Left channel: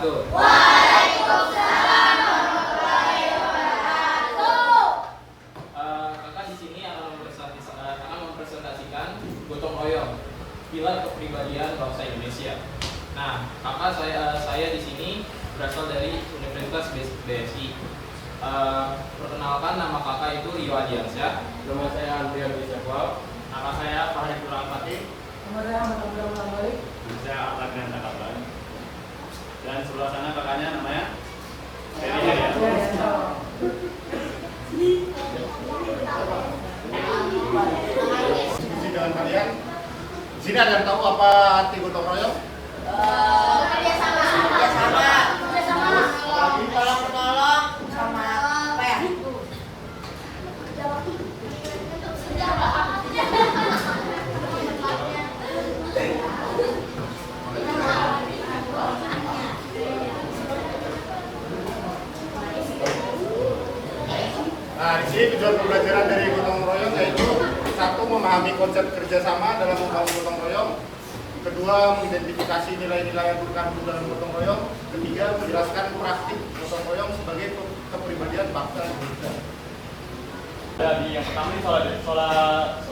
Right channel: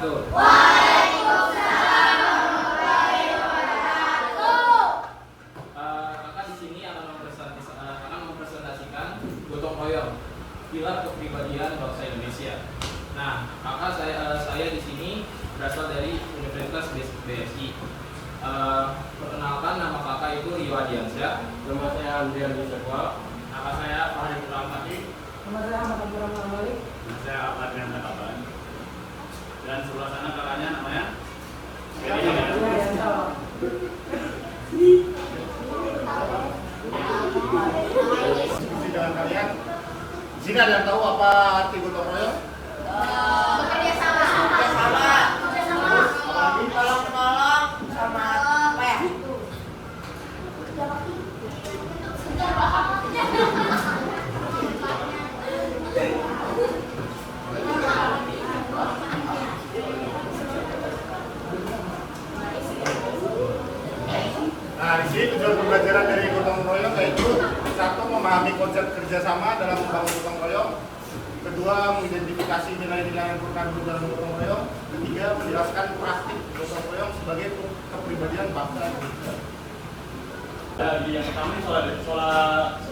wabarakatuh. Waalaikumsalam warahmatullahi wabarakatuh. Kakak di sini akan mempresentasikan gotong royong, pilar kepribadian bangsa Indonesia. Nah, kakak saya di sini berasal dari Universitas BSI. Perkenalkan, nama kakak itu Rio Adiansyah. Nama saya Andrian Bisyakwa. Kakak saya Fahri Kurangpati. Nama saya Ahmad Abdurrahman Malik. Saya Ahmad yang Kaban. Dan sebelah sana kakaknya namanya Diskusi dengan kalian. Di sini ada yang tahu apa arti gotong royong? Kerjasama. Apalagi Tolong menolong sama apa ya? Nah, di sini tujuan pembelajaran dari gotong royong yaitu satu, memahami konsep kerjasama dalam membangun gotong royong. Kedua, mengidentifikasi nilai-nilai yang terkandung dalam gotong royong. Ketiga, menjelaskan praktik gotong royong sebagai kepribadian bangsa Indonesia. Jadi yang pertama ini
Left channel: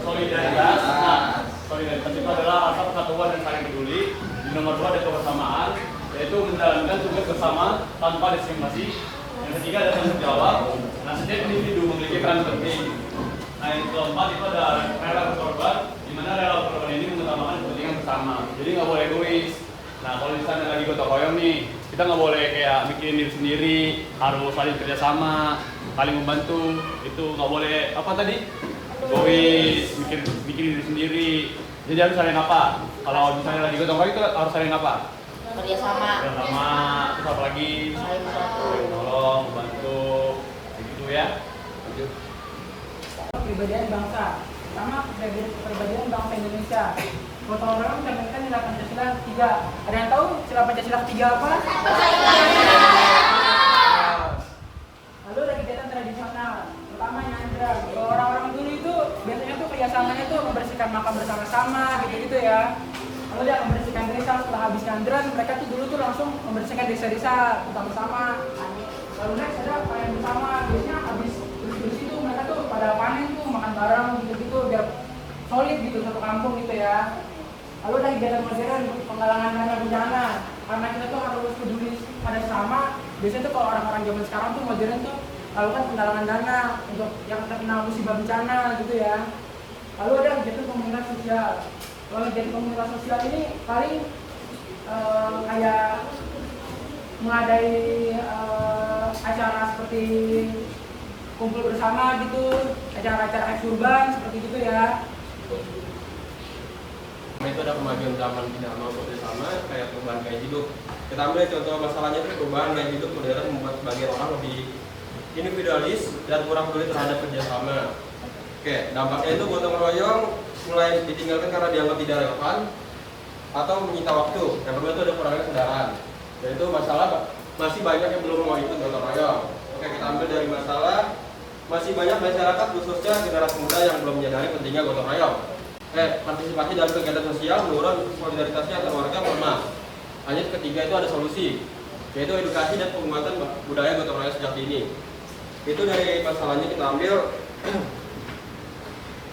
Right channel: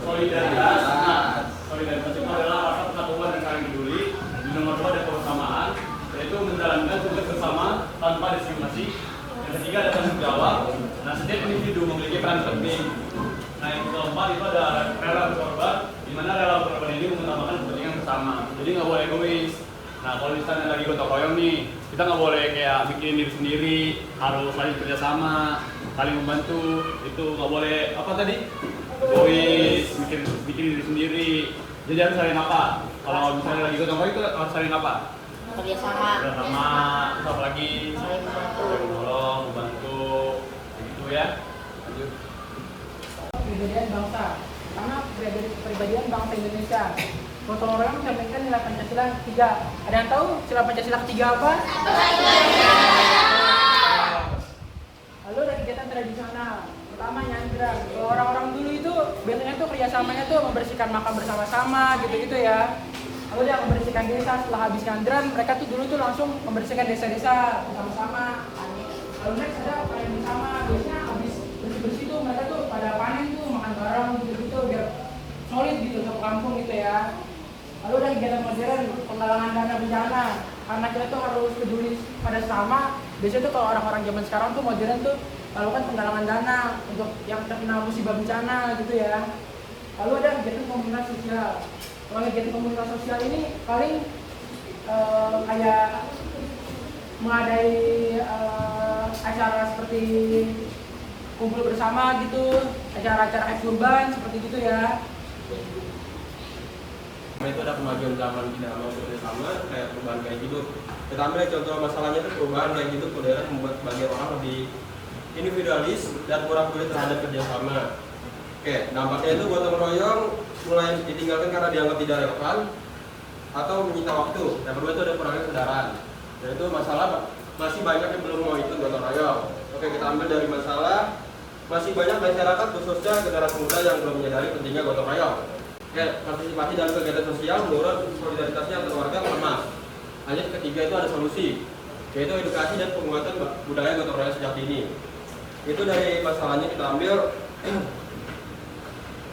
solidaritas. Nah, solidaritas itu adalah rasa persatuan dan saling peduli. Di nomor 2 ada kebersamaan, yaitu menjalankan tugas bersama tanpa diskriminasi. Yang ketiga ada tanggung jawab. Nah, setiap individu memiliki peran penting. Nah, yang keempat itu ada rela berkorban, di mana rela berkorban ini mengutamakan kepentingan bersama. Jadi nggak boleh egois. Nah, kalau misalnya lagi gotong royong nih, kita nggak boleh kayak mikirin diri sendiri, harus saling kerjasama, saling membantu. Itu nggak boleh apa tadi? Egois, bikin diri sendiri. Jadi harus saling apa? Kalau misalnya lagi gotong royong itu harus saling apa? Kerjasama. Kerjasama, terus apa lagi? Saling membantu. Tolong, bantu, gitu ya. Kepribadian bangsa. Pertama, kepribadian bangsa Indonesia. Gotong royong mencerminkan nilai Pancasila ketiga. Ada yang tahu sila Pancasila ketiga apa? Lalu ada kegiatan tradisional. Pertama, nyandra. Kalau orang-orang dulu itu biasanya tuh kerjasamanya tuh membersihkan makam bersama-sama gitu-gitu ya. Lalu dia membersihkan desa. Setelah habis nyandran, mereka tuh dulu tuh langsung membersihkan desa-desa bersama-sama. Lalu next ada panen bersama. Biasanya habis bersih-bersih tuh mereka tuh pada panen tuh makan bareng gitu-gitu biar solid gitu satu kampung gitu ya. Lalu ada kegiatan modern, penggalangan dana bencana. Karena kita tuh harus peduli pada sesama. Biasanya tuh kalau orang-orang zaman sekarang tuh modern tuh lakukan penggalangan dana untuk yang terkena musibah bencana gitu ya. Lalu ada kegiatan komunitas sosial. Kalau kegiatan komunitas sosial ini paling kayak mengadai acara seperti kumpul bersama gitu, acara-acara kurban seperti gitu ya. Itu ada kemajuan zaman tidak mau bersama kayak perubahan gaya hidup. Kita ambil contoh masalahnya itu perubahan gaya hidup modern membuat sebagian orang lebih individualis dan kurang peduli terhadap kerjasama. Oke, dampaknya itu gotong royong mulai ditinggalkan karena dianggap tidak relevan atau menyita waktu. Yang kedua itu ada kurangnya kesadaran. Dan itu masalah masih banyak yang belum mau ikut gotong royong. Oke, kita ambil dari masalah masih banyak masyarakat khususnya generasi muda yang belum menyadari pentingnya gotong royong. Partisipasi dalam kegiatan sosial menurun, solidaritasnya antar warga melemah. Hanya ketiga itu ada solusi, yaitu edukasi dan penguatan budaya gotong royong sejak dini. Itu dari masalahnya kita ambil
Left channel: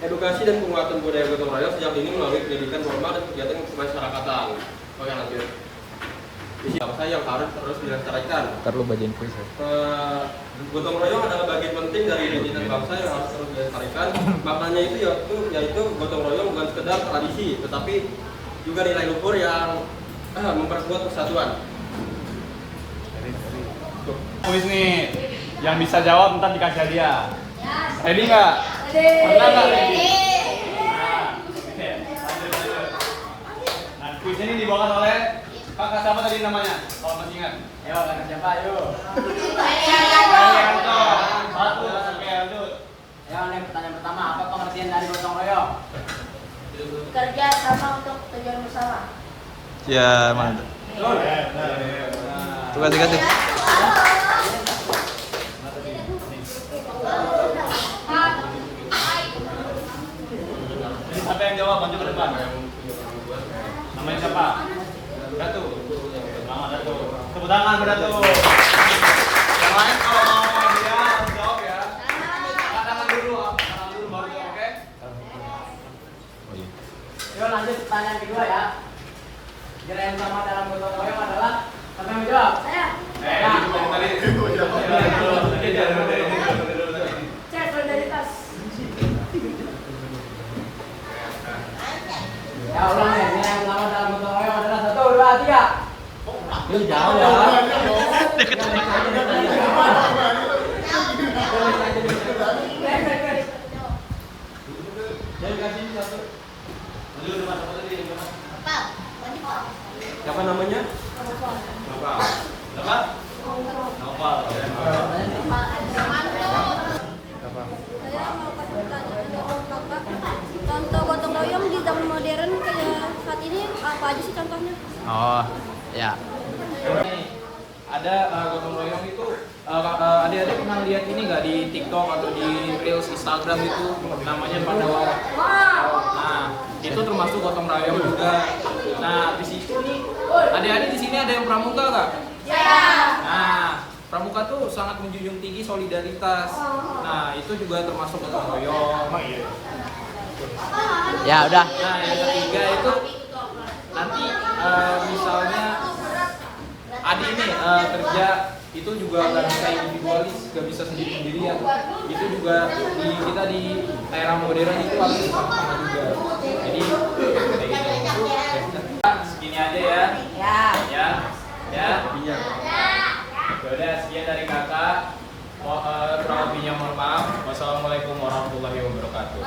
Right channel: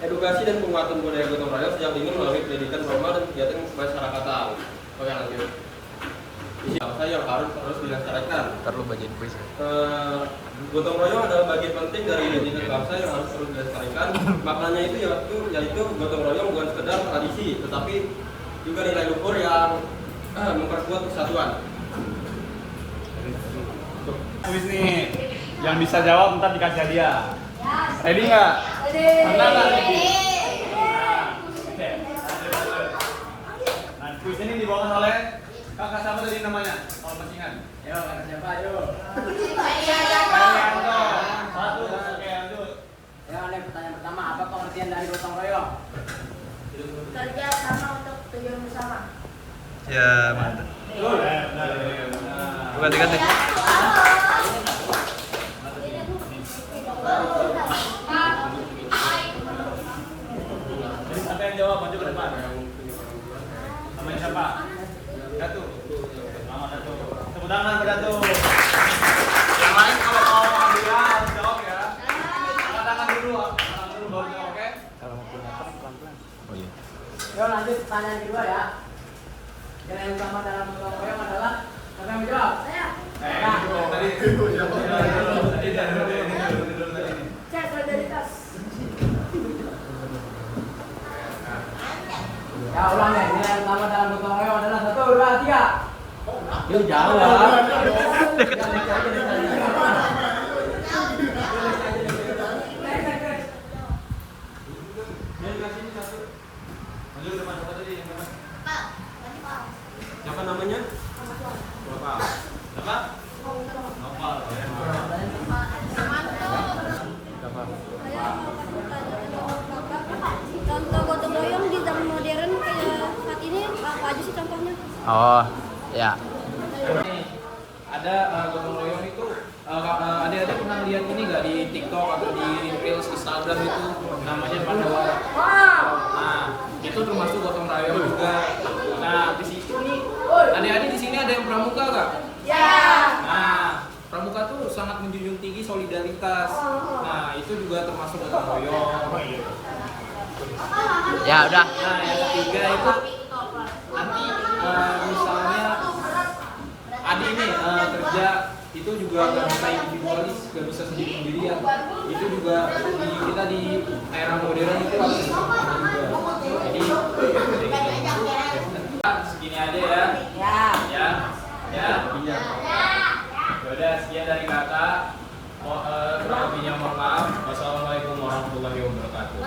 edukasi dan penguatan budaya gotong royong sejak dini melalui pendidikan formal dan kegiatan kemasyarakatan. Oke, lanjut. Ini bangsa yang harus terus dilestarikan. Perlu bagian puisi. Gotong royong adalah bagian penting dari identitas bangsa yang harus terus dilestarikan. Maknanya itu yaitu gotong royong bukan sekedar tradisi, tetapi juga nilai luhur yang memperkuat persatuan. Kuis nih, yang bisa jawab ntar dikasih hadiah. Ready nggak? Pernah nggak? Nah, kuis ini dibawakan oleh kakak siapa tadi namanya? Kalau masih ingat? Ayo, kakak siapa? Ayo. Satu, oke lanjut. Ya, pertanyaan pertama, apa pengertian dari gotong royong? Kerja sama untuk tujuan bersama. Ya, mantap. Coba dikasih. Jadi siapa yang jawab? Maju ke depan. Namanya siapa? Datu. Selamat Datu. Tepuk tangan pada tuh. Yang lain kalau mau dia jawab ya. Angkat tangan dulu baru jawab, oke? Yuk lanjut pertanyaan kedua ya. Kira yang sama dalam gotong royong adalah siapa yang menjawab? Saya. Cek solidaritas. Ya ulang deh. Kira yang sama dalam gotong royong adalah 1, 2, 3. Yuk jawab. Siapa namanya? Nopal. Apa? Nopal. Saya mau bertanya menurut Kakak, contoh gotong royong di zaman modern kayak saat ini apa aja sih contohnya? Oh, ya. Ada gotong royong itu adik-adik pernah lihat ini nggak di TikTok atau di Reels Instagram itu namanya Pandawara. Nah, itu termasuk gotong royong juga. Nah, di situ nih adik-adik di sini ada yang pramuka nggak? Ya. Nah, pramuka tuh sangat menjunjung tinggi solidaritas. Nah, itu juga termasuk gotong royong. Ya udah. Nah, yang ketiga itu nanti misalnya adik ini kerja itu juga nggak bisa individualis, nggak bisa sendiri-sendirian. Itu juga kita di era modern itu harus sama juga. Jadi kayak gitu. Segini aja ya. Ya. Ya. Ya. Udah sekian dari kakak. Kurang lebihnya mohon maaf. Wassalamualaikum warahmatullahi wabarakatuh.